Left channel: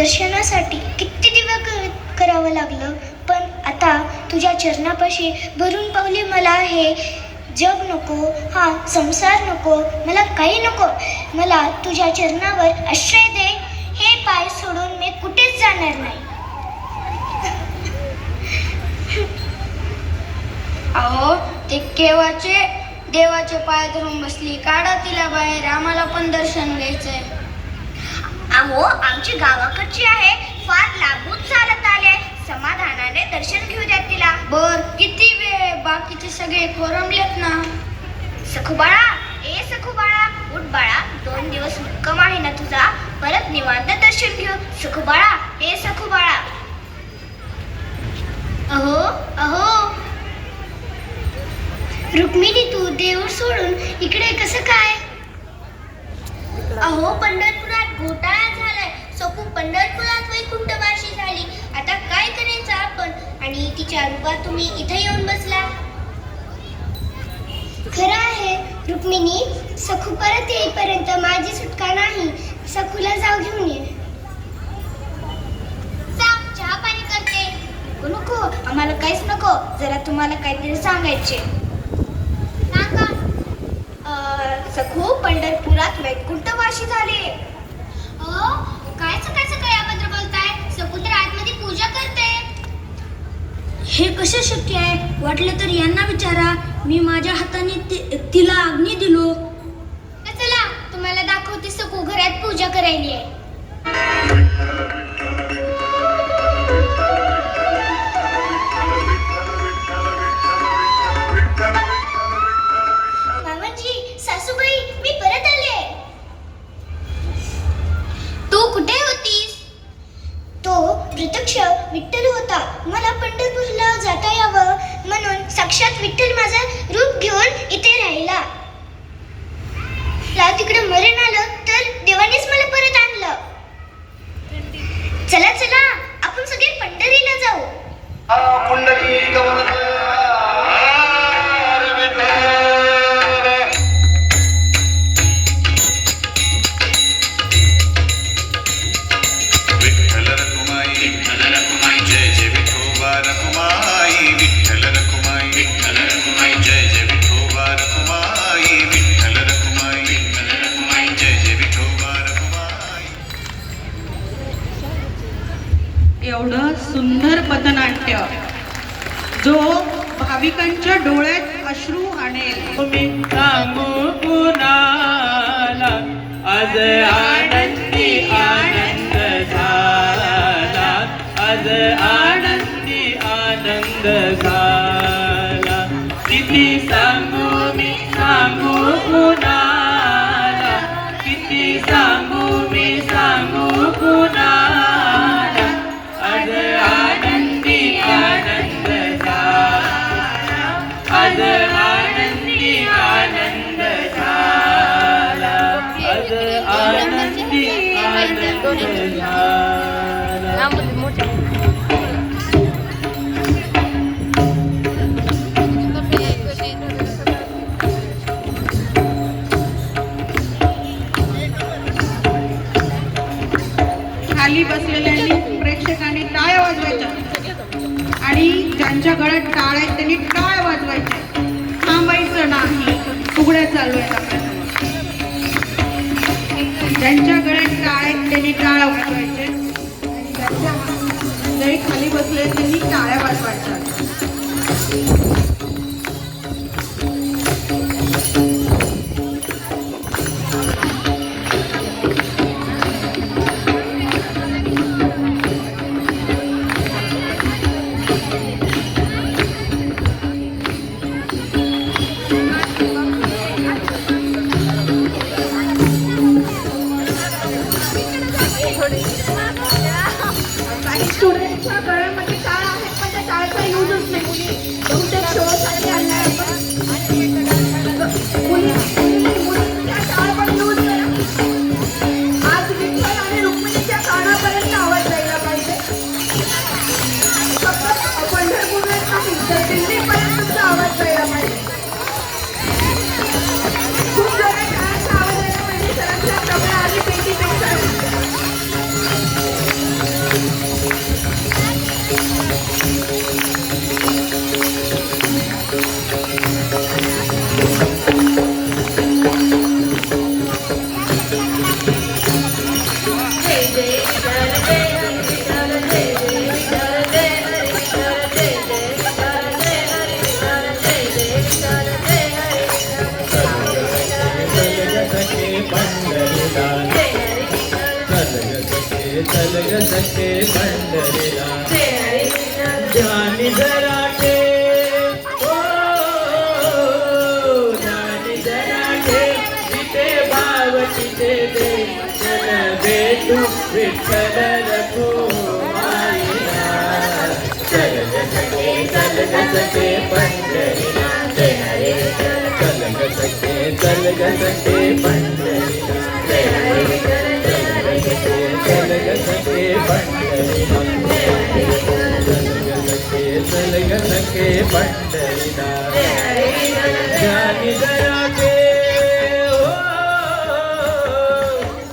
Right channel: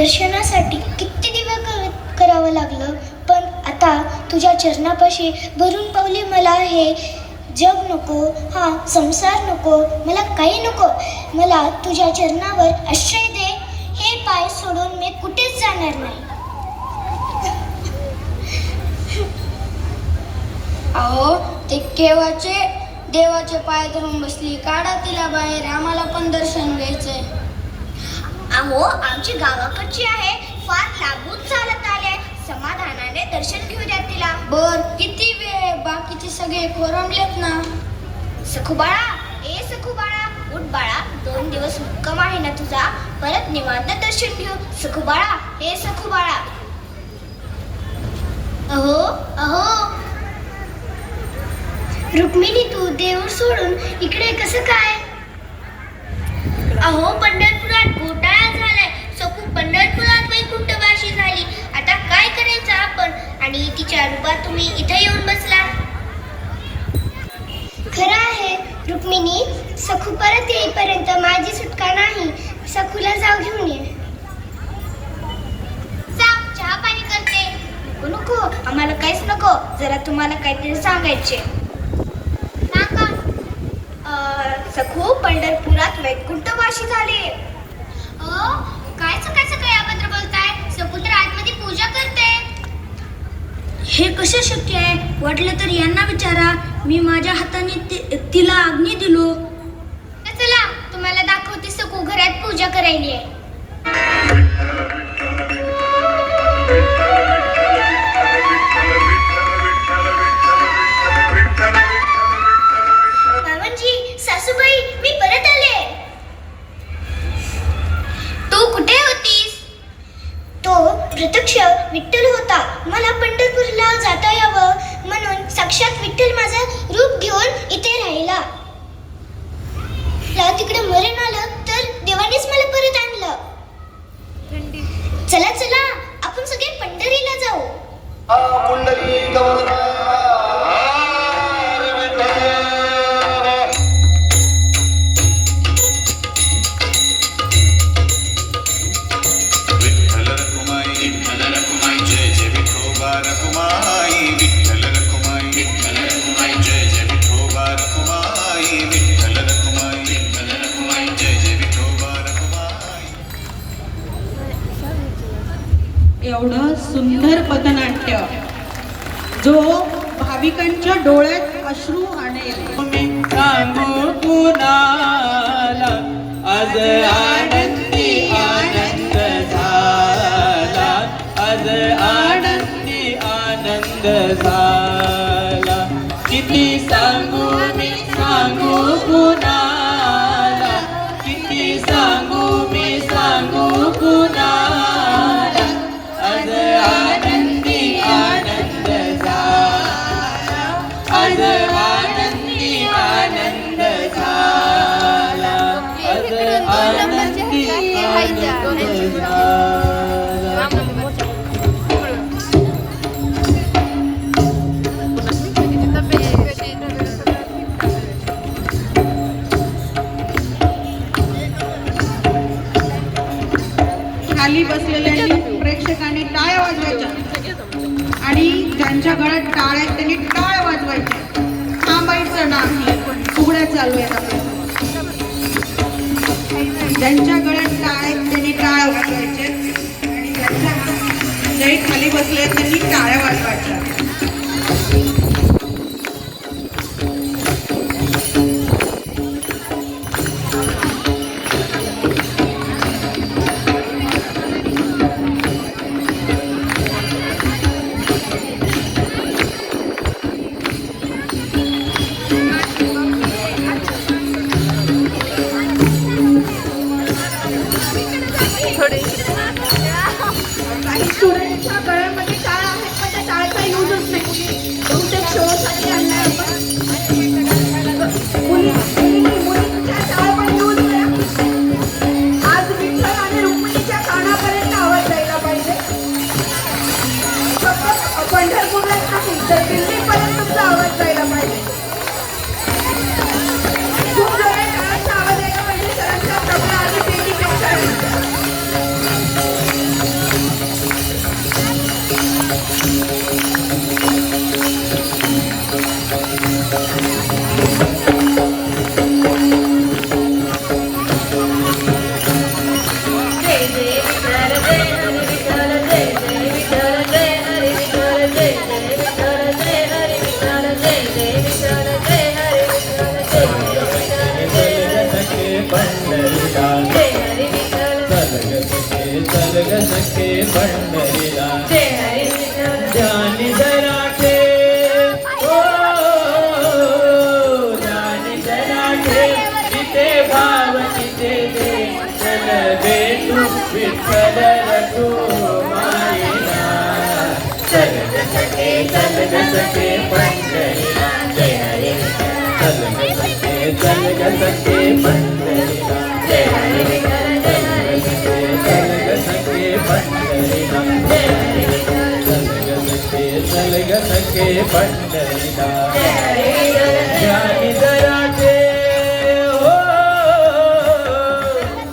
दर्शनासाठी किती दिवस करावं लागलं, पण आता तुझ्या चरणापाशी भरून पावली. मला हे जग नको, हा संसार नको, मला काही नको. मला तुझ्या चरणावर आश्रय दे. हे पाय सोडून मी कुठेच जाणार नाही. अहो, ते केव्हाचे देवाचे पाय धरून बसली. काढा तिला बाहेर, आम्हाला पण दर्शन घ्यायचंय. अहो, आमची गावाकडची आहे, फार लांबून चालत आले. समाधानाने दर्शन घेऊ द्या तिला. बर, किती वेळ? बाकीचे सगळे खोरमलेत ना. सखूबाळा, ए सखूबाळा, उठ बाळा. 2 दिवस मुक्काम आहे ना तुझा, परत निवांत दर्शन घेऊ. सखूबाळा, ए सखूबाळा. अहो अहो रुक्मिणी, तू देऊळ सोडून इकडे कसं काय? अहो, पंढरपुरात घोटाळा झालाय. सखू पंढरपुरात वैकुंठवासी झाली. आता काय करायचं आपण? आणि तिच्या रूपात तुम्ही इथे येऊन बसला. खरं आहे रुक्मिणी, सखू परत येईपर्यंत माझी सुटका नाही. सखूला जाऊ घेऊन ये. जाऊ, चहा पाणी करते. नको नको, आम्हाला काहीच नको. जरा तुम्हाला काहीतरी सांगायचे. सखू पंढरपुरात वैकुंठवासी झाले. काय सकाळचं काय याबद्दल बोलताय? सखू तर आतमध्ये पूजा करते. हे कसं शक्य आहे? वाटलं तर यांना विचारा. मी माझ्या हाताने तिला अग्नी दिलो. चला, तुम्हाला दाखवते सखू घरात पूजा करायली आहे. सासूबाई, मी परत आले. तू कुठे होतीस? तो प्रत्यक्ष विठ्ठल होता. मला पंढरपूरला जाता यावं म्हणून साक्षात विठ्ठल माझं रूप घेऊन इथे राहिला. तिकडे मरण आलं तर देवानेच मला परत आणलं. चला चला, आपण सगळे पंढरीला जाऊ. एवढं सुंदर पथनाट्य जो भाविकांच्या डोळ्यात अश्रू आणेल. सांगू कुणाला आज आनंदी आनंद झाला, आज आनंदी आनंद झाला. किती सांगू मी सांगू कुणाला, किती सांगू मी सांगू कुणाला. आज आनंदी आनंद झाला, आज आनंदी आनंद झाला, आज आनंदी आनंद झाला. खाली बसलेल्या प्रेक्षकांनी टाळ्या वाजवायच्या आणि ज्यांच्या गळ्यात टाळ आहेत त्यांनी टाळ वाजवायच्या. थांबायचं नाही, फुगड्या चालू आहेत आपल्या. ज्यांच्या गळ्यात टाळ आहेत त्यांनी टाळ वाजवायचे आणि ज्यांच्या मंडळी खाली बसले आहेत त्यांनी टाळ्या वाजवायच्या. काही स्टुडंटच्या गळ्यामध्ये टाळा आहेत, पण त्या टाळ्याचा यूजच नाही. बहुतेक शोसाठी आणणार मुलींच्या टाळ पण यूज करा. आज विठ्ठल आणि रुक्मिणीच्या कानापर्यंत आवाज जायला पाहिजे. पंढरपूरला नाही तर दिल्लीपर्यंत तुमचा आवाज जायला पाहिजे. खूप वेळेस टाळाचा आवाज यायला पाहिजे. सगळ्यांच्या प्रमाणे आधी पेटी पेक्षा पंढरीला ज्ञानी जराटे ओ ज्ञानी जराटे तिथे भाव तिथे दे चल भेटू विठ्ठल रखो मायेला चल ग सखे पंढरीला जय हरी चल ग सखे पंढरीला जय हरी चल ग सखे पंढरीला चल ग सखे पंढरीला ज्ञानी जराटे हो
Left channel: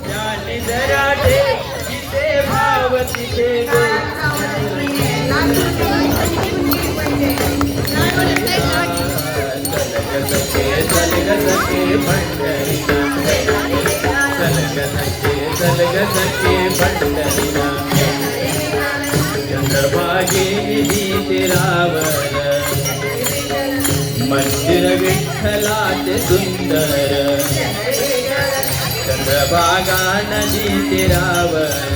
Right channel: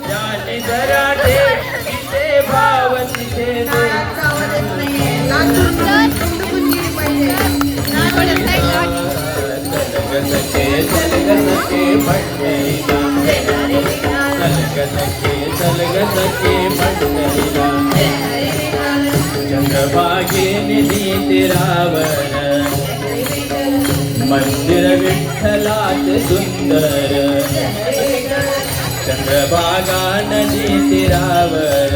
ज्ञानी जराटे तिथे भाव तिथे दे चल ग सखे पंढरीला चल ग सखे पंढरीला चंद्रभागे निधी तीरावर मंदिर विठ्ठलाचे सुंदर चंद्रभागा नदी तीरावर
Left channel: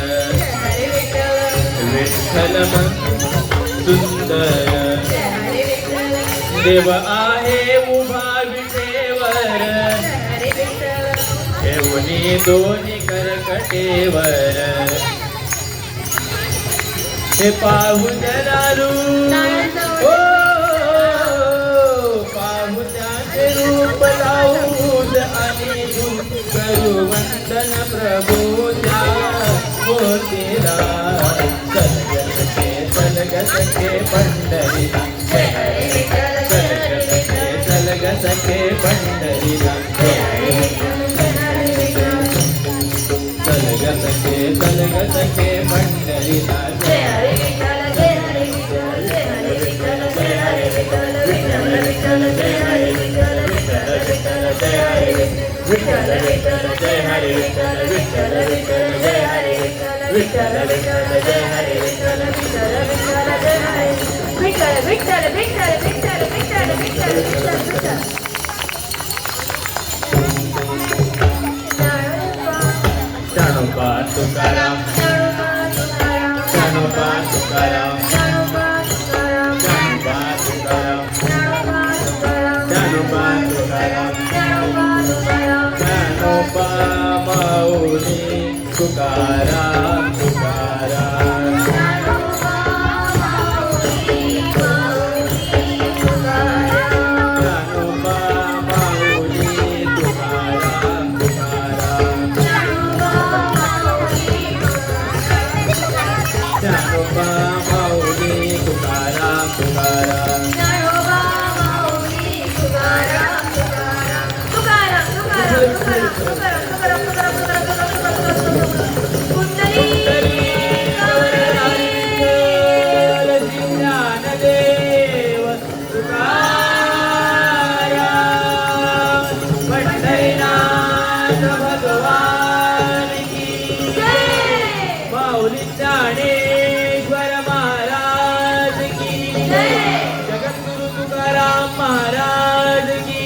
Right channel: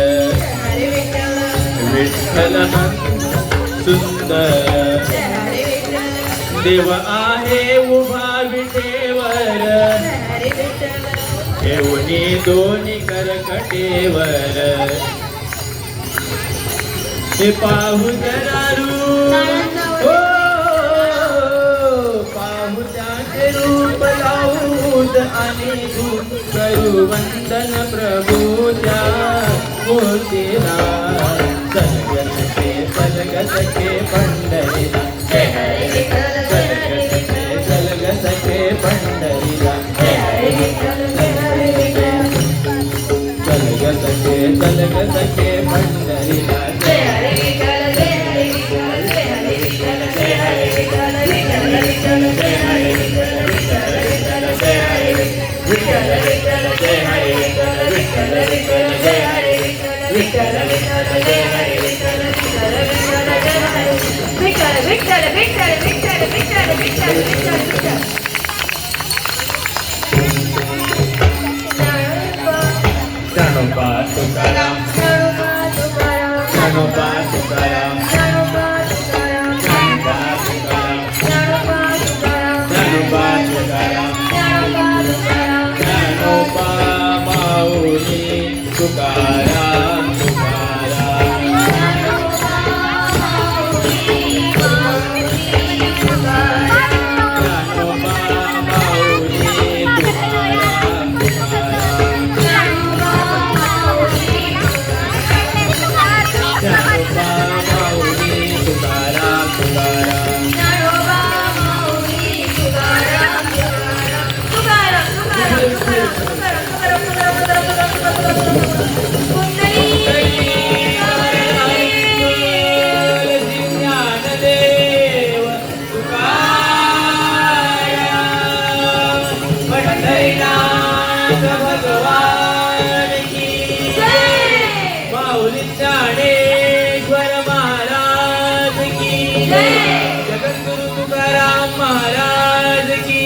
विठ्ठल मन सुंदर देव आहे उभा विटेवर ठेवणी दोन्ही करकटेवर हे पाहू जरारू हो पाहू त्याचे रूप लावून आणि करू वंदन प्रभूच्या मूर्तीला चल ग सखे पंढरीला जय हरी चल ग सखे पंढरीला जय हरी चल ग सखे पंढरीला जय हरी भगवान की माऊली ज्ञानेश्वर महाराज की जगद्गुरु तुकाराम महाराज की